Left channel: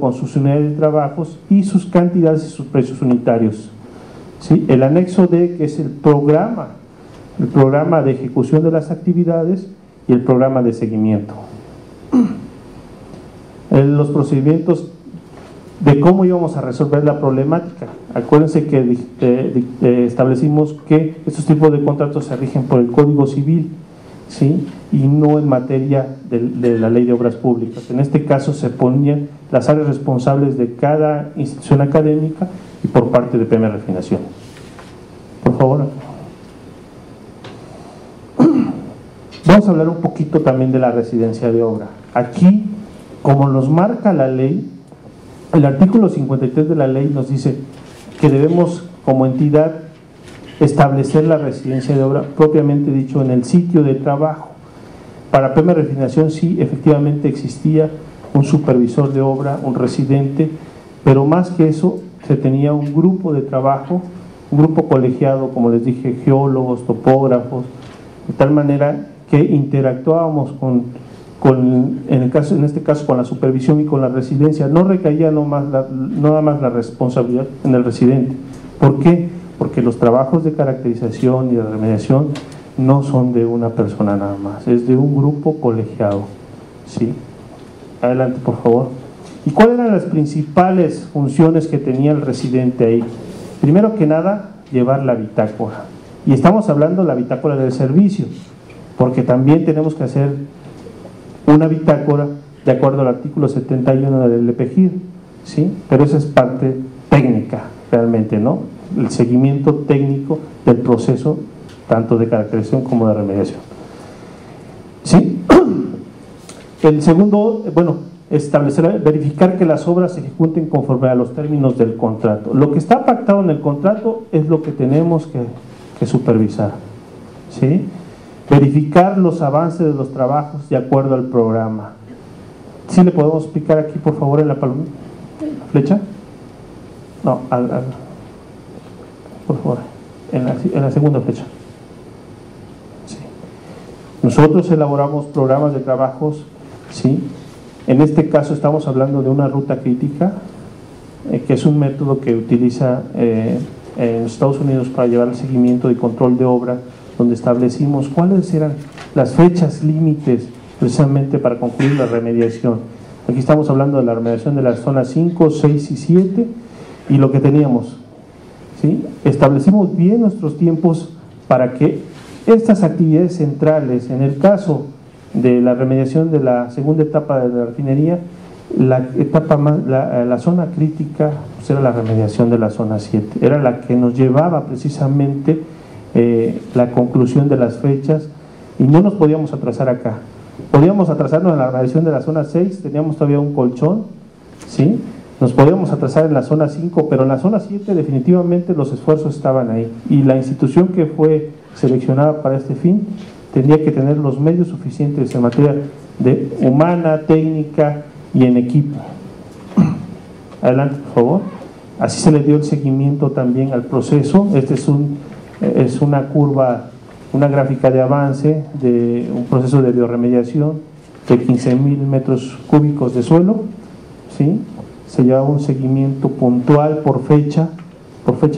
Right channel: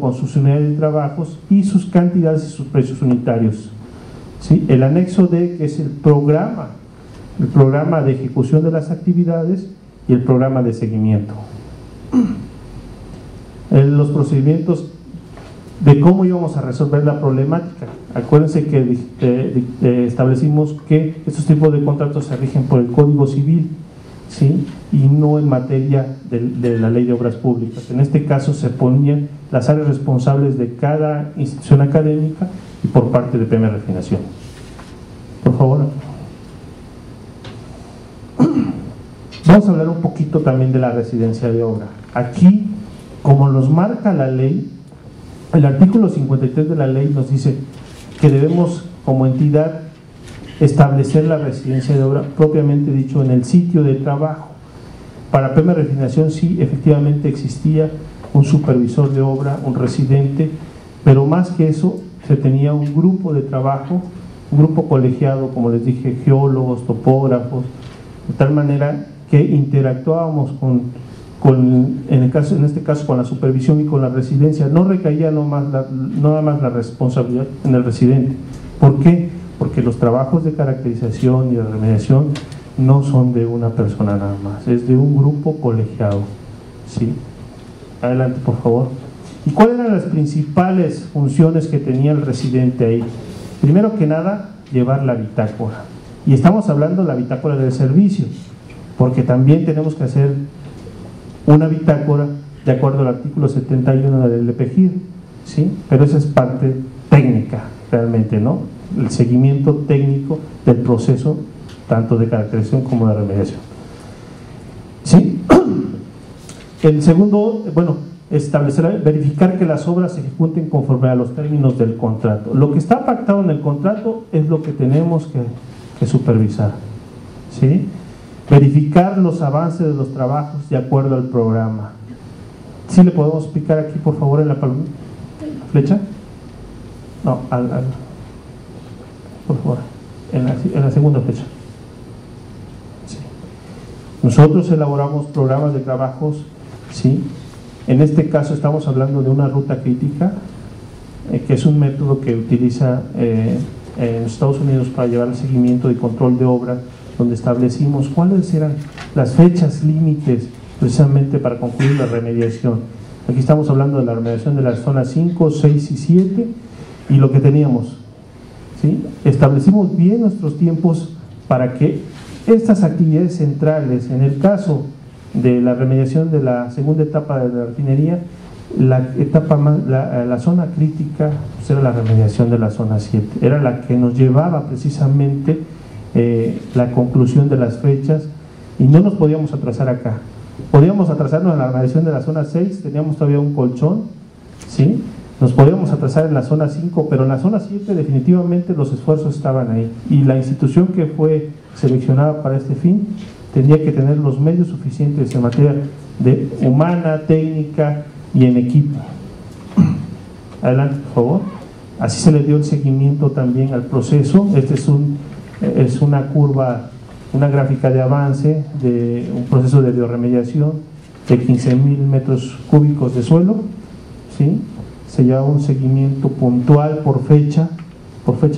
con sus unidades de trabajos y sus cantidades y sus precios unitarios. ¿Sí? El anexo D, que es el programa de ejecución de las actividades y el programa de seguimiento. Los procedimientos de cómo íbamos a resolver la problemática. Acuérdense que establecimos que estos tipos de contratos se rigen por el Código Civil, ¿sí? Y no en materia de la Ley de Obras Públicas. En este caso se ponían las áreas responsables de cada institución académica y por parte de PM Refinación. Por favor. Vamos a hablar un poquito también de la residencia de obra. Aquí, como nos marca la ley, el artículo 53 de la ley nos dice que debemos como entidad establecer la residencia de obra propiamente dicho en el sitio de trabajo. Para PM Refinación sí, efectivamente existía un supervisor de obra, un residente, pero más que eso se tenía un grupo de trabajo, un grupo colegiado, como les dije, geólogos, topógrafos, de tal manera que interactuábamos en este caso con la supervisión y con la residencia. No recaía nada más la responsabilidad en el residente. ¿Por qué? Porque los trabajos de caracterización y de remediación no son de una persona nada más, es de un grupo colegiado. ¿Sí? Adelante, por favor. ¿Y cuáles eran las principales funciones que tenía el residente ahí? Primero que nada, llevar la bitácora. Y estamos hablando de la bitácora del servicio, porque también tenemos que hacer una bitácora de acuerdo al artículo 71 del LPGIR, ¿sí? Pero esa es parte técnica, realmente, ¿no? El seguimiento técnico del proceso, tanto de caracterización como de remediación. ¿Sí? El segundo, verificar que las obras se ejecuten conforme a los términos del contrato. Lo que está pactado en el contrato es lo que tenemos que supervisar, ¿sí? Verificar los avances de los trabajos de acuerdo al programa. ¿Sí le podemos explicar aquí, por favor, en la flecha? No, por favor, en la segunda flecha. Sí. Nosotros elaboramos programas de trabajos, ¿sí? En este caso estamos hablando de una ruta crítica, que es un método que utiliza en Estados Unidos para llevar el seguimiento y control de obra, donde establecimos cuáles eran las fechas límites precisamente para concluir la remediación. Aquí estamos hablando de la remediación de las zonas 5, 6 y 7 y lo que teníamos, ¿sí? Establecimos bien nuestros tiempos para que estas actividades centrales, en el caso de la remediación de la segunda etapa de la refinería, la zona crítica pues era la remediación de la zona 7, era la que nos llevaba precisamente la conclusión de las fechas y no nos podíamos atrasar acá. Podíamos atrasarnos en la remediación de la zona 6, teníamos todavía un colchón, ¿sí? Nos podíamos atrasar en la zona 5, pero en la zona 7 definitivamente los esfuerzos estaban ahí y la institución que fue seleccionada para este fin tenía que tener los medios suficientes en materia de humana, técnica y en equipo. Adelante, por favor. Así se le dio el seguimiento también al proceso. Este es una curva, una gráfica de avance de un proceso de bioremediación de 15,000 metros cúbicos de suelo, ¿sí? Se llevaba un seguimiento puntual por fecha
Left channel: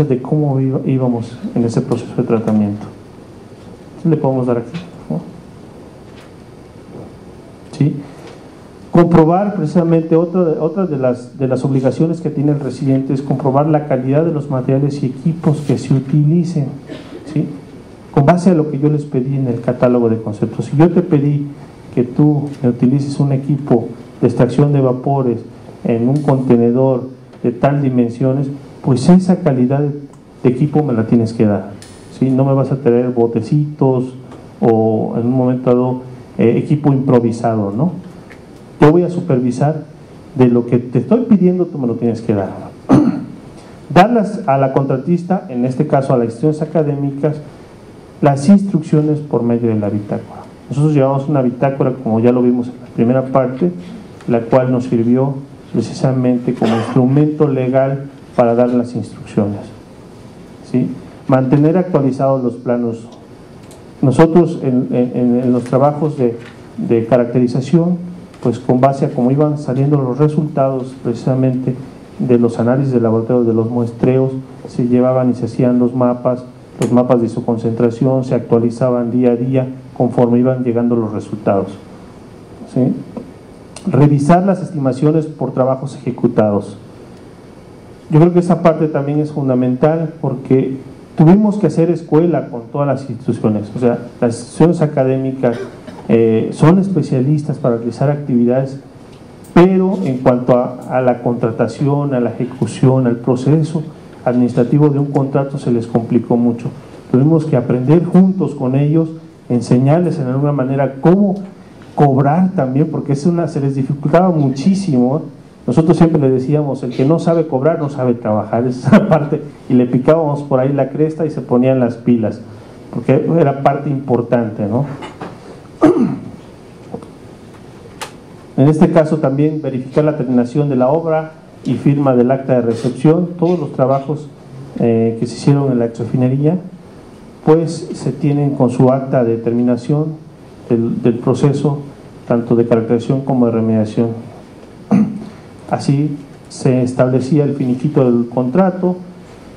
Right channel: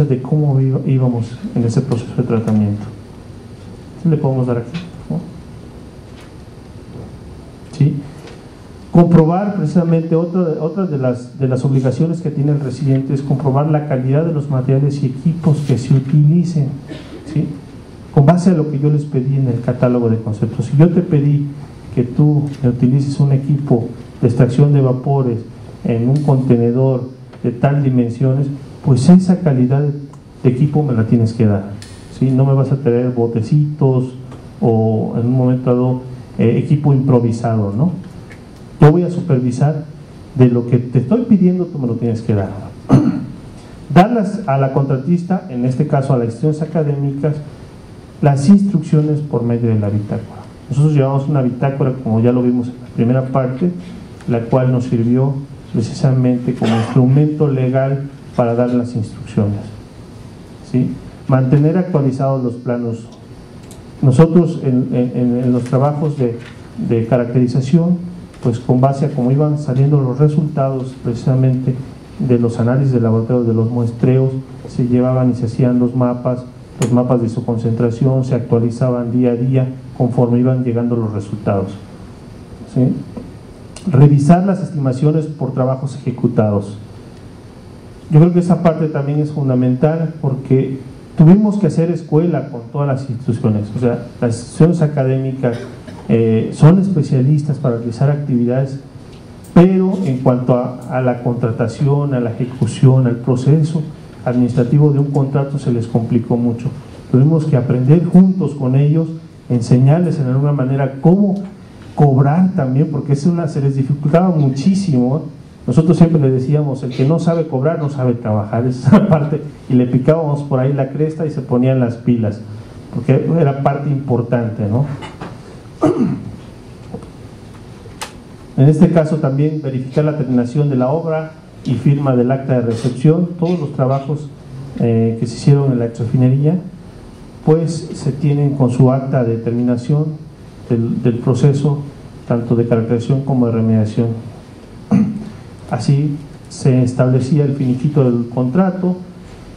de cómo íbamos en ese proceso de tratamiento. ¿Sí le podemos dar aquí? ¿No? ¿Sí? Comprobar precisamente otra de las obligaciones que tiene el residente es comprobar la calidad de los materiales y equipos que se utilicen, ¿sí? Con base a lo que yo les pedí en el catálogo de conceptos. Si yo te pedí que tú utilices un equipo de extracción de vapores en un contenedor de tal dimensiones, pues esa calidad de equipo me la tienes que dar, ¿sí? No me vas a traer botecitos o en un momento dado equipo improvisado, ¿no? Yo voy a supervisar de lo que te estoy pidiendo, tú me lo tienes que dar. Darlas a la contratista, en este caso a las instituciones académicas, las instrucciones por medio de la bitácora. Nosotros llevamos una bitácora, como ya lo vimos en la primera parte, la cual nos sirvió precisamente como instrumento legal para dar las instrucciones, ¿sí? Mantener actualizados los planos. Nosotros en los trabajos de caracterización pues con base a cómo iban saliendo los resultados precisamente de los análisis de laboratorio, de los muestreos, se llevaban y se hacían los mapas de su concentración, se actualizaban día a día conforme iban llegando los resultados, ¿sí? Revisar las estimaciones por trabajos ejecutados. Yo creo que esa parte también es fundamental porque tuvimos que hacer escuela con todas las instituciones, o sea, las instituciones académicas son especialistas para realizar actividades, pero en cuanto a la contratación, a la ejecución, al proceso administrativo de un contrato se les complicó mucho. Tuvimos que aprender juntos con ellos, enseñarles en alguna manera cómo cobrar también, porque se les dificultaba muchísimo. Nosotros siempre le decíamos, el que no sabe cobrar no sabe trabajar, esa parte, y le picábamos por ahí la cresta y se ponían las pilas, porque era parte importante, ¿no? En este caso también verificar la terminación de la obra y firma del acta de recepción. Todos los trabajos que se hicieron en la exrefinería pues se tienen con su acta de terminación del proceso tanto de caracterización como de remediación. Así se establecía el finiquito del contrato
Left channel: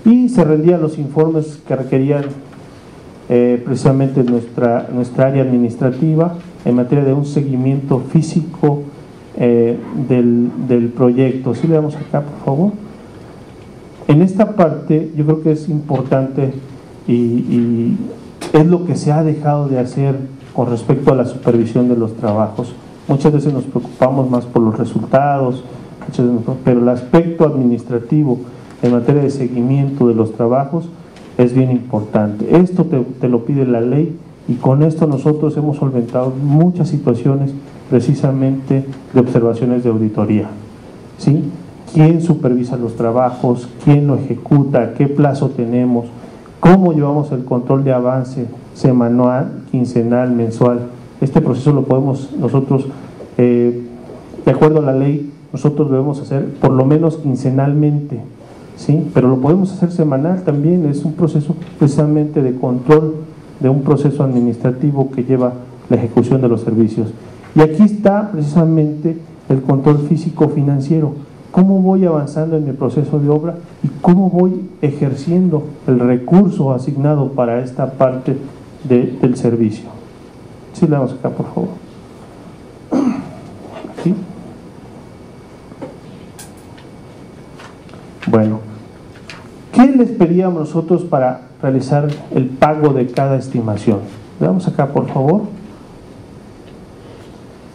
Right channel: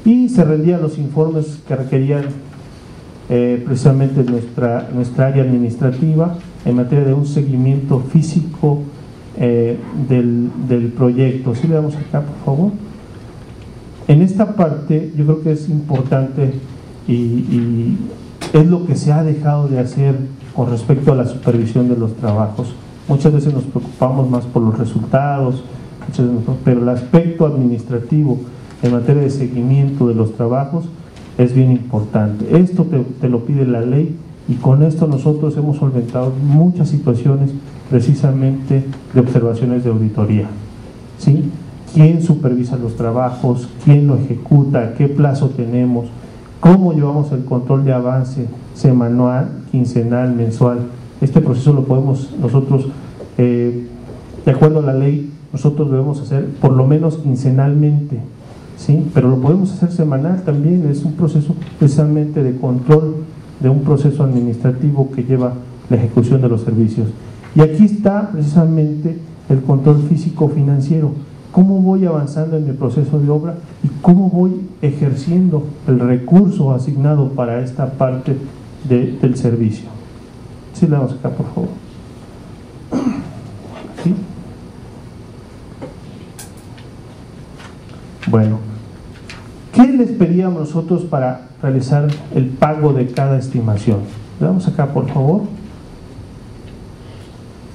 y se rendían los informes que requerían precisamente nuestra área administrativa en materia de un seguimiento físico del proyecto. ¿Sí le damos acá, por favor? En esta parte yo creo que es importante y es lo que se ha dejado de hacer con respecto a la supervisión de los trabajos. Muchas veces nos preocupamos más por los resultados, pero el aspecto administrativo en materia de seguimiento de los trabajos es bien importante. Esto te lo pide la ley y con esto nosotros hemos solventado muchas situaciones precisamente de observaciones de auditoría, ¿sí? ¿Quién supervisa los trabajos? ¿Quién lo ejecuta? ¿Qué plazo tenemos? ¿Cómo llevamos el control de avance semanal, quincenal, mensual? Este proceso lo podemos nosotros, de acuerdo a la ley, nosotros debemos hacer por lo menos quincenalmente, ¿sí? Pero lo podemos hacer semanal también. Es un proceso precisamente de control de un proceso administrativo que lleva la ejecución de los servicios. Y aquí está precisamente el control físico-financiero. ¿Cómo voy avanzando en mi proceso de obra y cómo voy ejerciendo el recurso asignado para esta parte del servicio? Sí, le damos acá, por favor. ¿Sí? Bueno, ¿qué les pedíamos nosotros para realizar el pago de cada estimación? Le damos acá, por favor.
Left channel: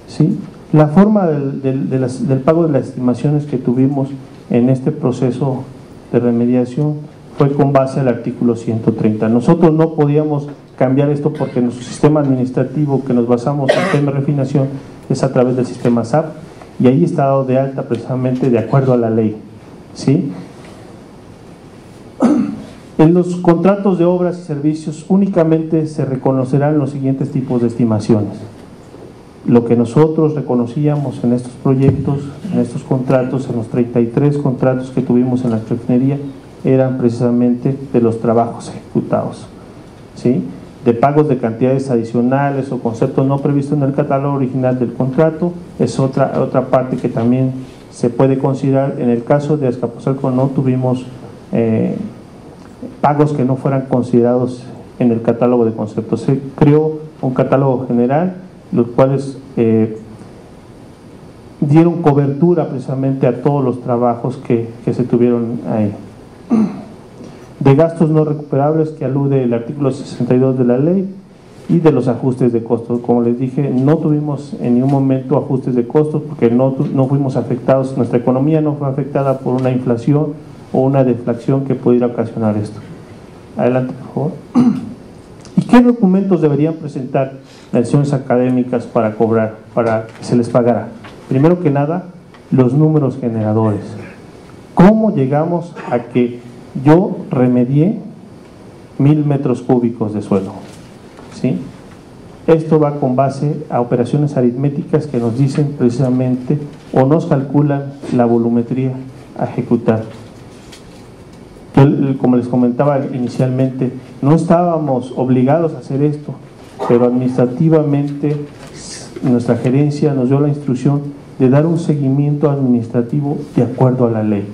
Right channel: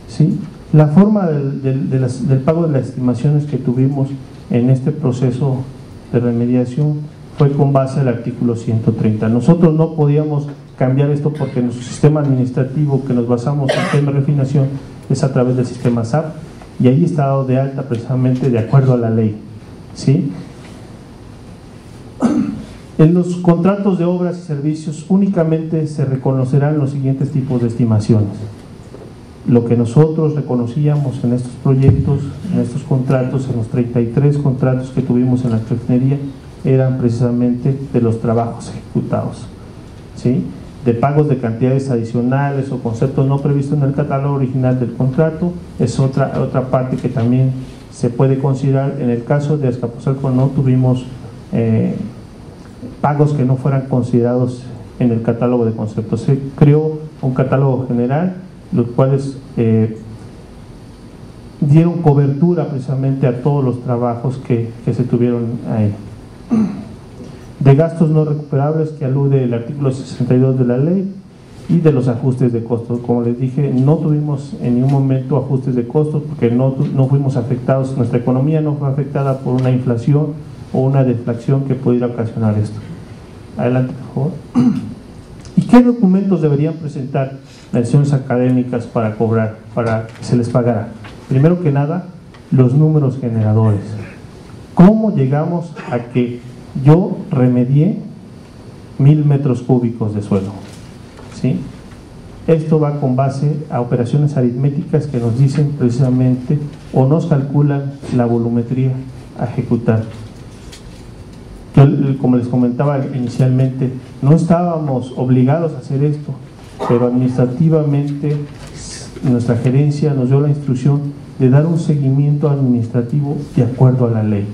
¿Sí? La forma del pago de las estimaciones que tuvimos en este proceso de remediación fue con base al artículo 130. Nosotros no podíamos cambiar esto porque nuestro sistema administrativo que nos basamos en el tema de refinación es a través del sistema SAP y ahí está dado de alta precisamente de acuerdo a la ley, ¿sí? En los contratos de obras y servicios únicamente se reconocerán los siguientes tipos de estimaciones. Lo que nosotros reconocíamos en estos proyectos, en estos contratos, en los 33 contratos que tuvimos en la refinería, eran precisamente de los trabajos ejecutados, ¿sí? De pagos de cantidades adicionales o conceptos no previstos en el catálogo original del contrato, es otra parte que también se puede considerar. En el caso de Azcapotzalco no tuvimos pagos que no fueran considerados en el catálogo de conceptos. Se creó un catálogo general, los cuales dieron cobertura precisamente a todos los trabajos que se tuvieron ahí. De gastos no recuperables, que alude el artículo 62 de la ley, y de los ajustes de costos. Como les dije, no tuvimos en ningún momento ajustes de costos porque no fuimos afectados, nuestra economía no fue afectada por una inflación o una deflación que pudiera ocasionar esto. Adelante, por favor. ¿Y qué documentos deberían presentar las instituciones académicas para cobrar, para que se les pagara? Primero que nada, los números generadores. ¿Cómo llegamos a que yo remedié 1000 metros cúbicos de suelo? ¿Sí? Esto va con base a operaciones aritméticas que nos dicen precisamente o nos calculan la volumetría a ejecutar. Yo, como les comentaba inicialmente, no estábamos obligados a hacer esto, pero administrativamente nuestra gerencia nos dio la instrucción de dar un seguimiento administrativo de acuerdo a la ley,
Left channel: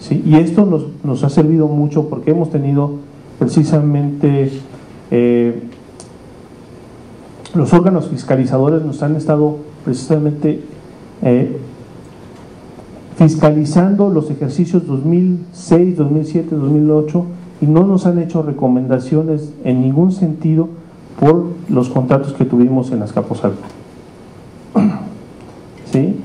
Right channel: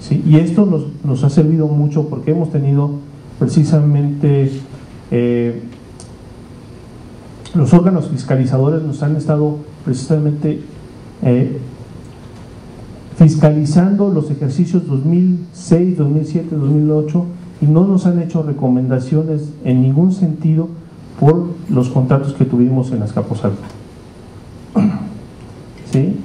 ¿sí? Y esto nos ha servido mucho porque hemos tenido precisamente los órganos fiscalizadores nos han estado precisamente fiscalizando los ejercicios 2006, 2007, 2008 y no nos han hecho recomendaciones en ningún sentido por los contratos que tuvimos en Azcapotzalco. ¿Sí?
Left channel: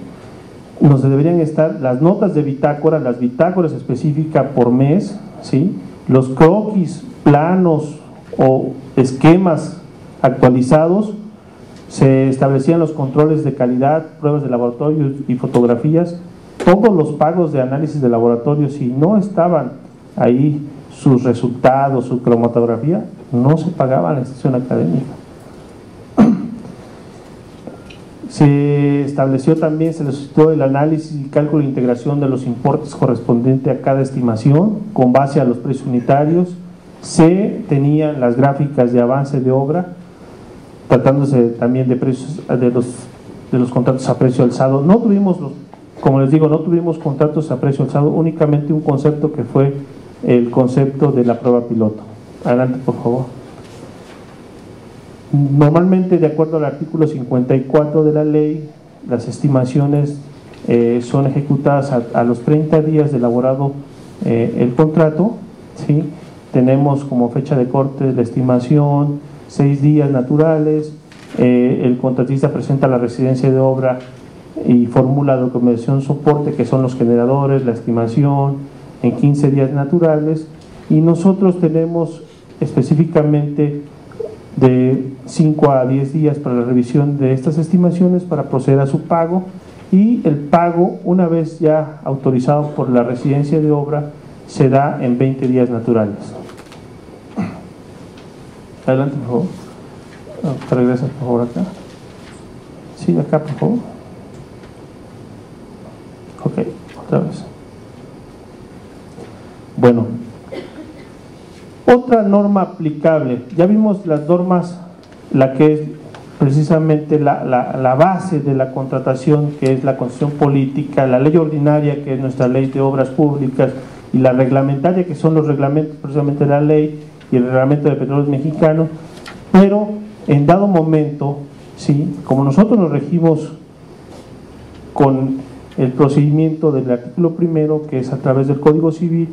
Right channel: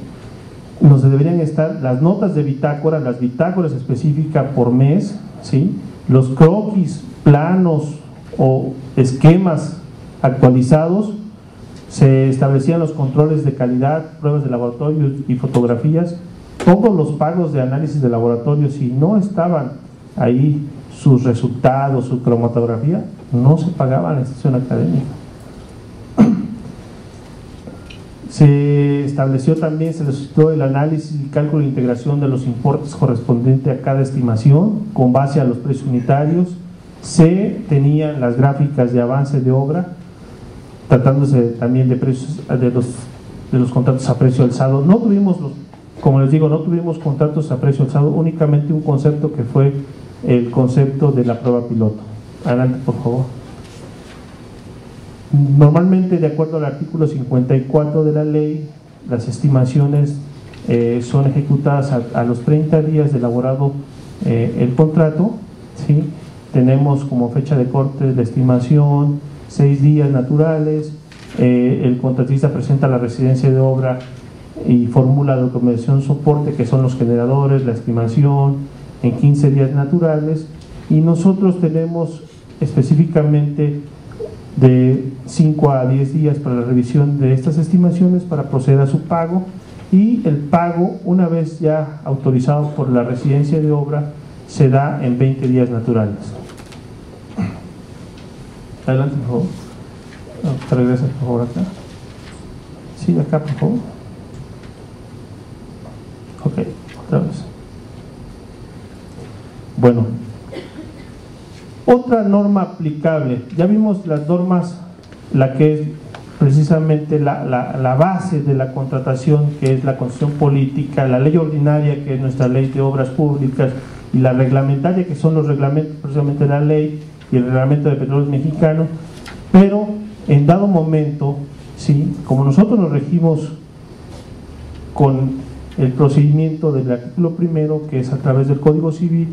Nos deberían estar las notas de bitácora, las bitácoras específicas por mes, ¿sí? Los croquis, planos o esquemas actualizados, se establecían los controles de calidad, pruebas de laboratorio y fotografías, todos los pagos de análisis de laboratorio, si no estaban ahí sus resultados, su cromatografía, no se pagaba a la institución académica. Se estableció también, se solicitó el análisis y cálculo de integración de los importes correspondientes a cada estimación con base a los precios unitarios. Se tenían las gráficas de avance de obra, tratándose también de precios de los contratos a precio alzado. No tuvimos, como les digo, no tuvimos contratos a precio alzado, únicamente un concepto que fue el concepto de la prueba piloto. Adelante, por favor. Normalmente, de acuerdo al artículo 54 de la ley, las estimaciones son ejecutadas a los 30 días de elaborado el contrato, ¿sí? Tenemos como fecha de corte la estimación 6 días naturales, el contratista presenta la residencia de obra y formula la documentación soporte, que son los generadores, la estimación, en 15 días naturales, y nosotros tenemos específicamente de 5 a 10 días para la revisión de estas estimaciones para proceder a su pago, y el pago, una vez ya autorizado por la residencia de obra, se da en 20 días naturales. Adelante, por favor. ¿Te regresas, por favor, acá? Sí, acá, por favor. Ok, otra vez. Bueno, otra norma aplicable. Ya vimos las normas, la que es precisamente la base de la contratación, que es la constitución política, la ley ordinaria, que es nuestra ley de obras públicas, y la reglamentaria, que son los reglamentos precisamente de la ley y el reglamento de petróleos mexicanos. Pero en dado momento, ¿sí?, como nosotros nos regimos con el procedimiento del artículo primero, que es a través del Código Civil,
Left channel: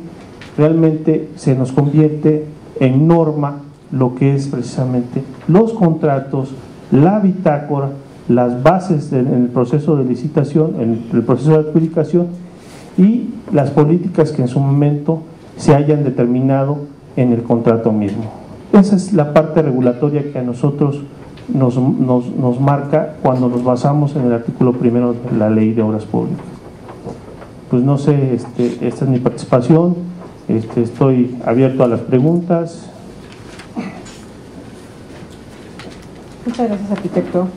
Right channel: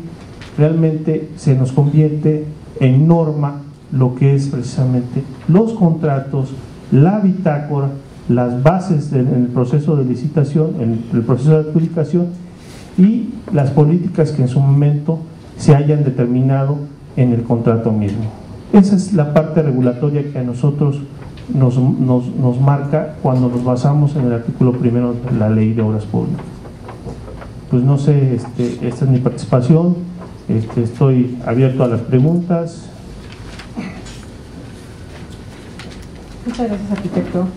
realmente se nos convierte en norma lo que es precisamente los contratos, la bitácora, las bases en el proceso de licitación, en el proceso de adjudicación y las políticas que en su momento se hayan determinado en el contrato mismo. Esa es la parte regulatoria que a nosotros nos marca cuando nos basamos en el artículo primero de la Ley de Obras Públicas. Pues no sé, esta es mi participación, estoy abierto a las preguntas. Muchas gracias, arquitecto.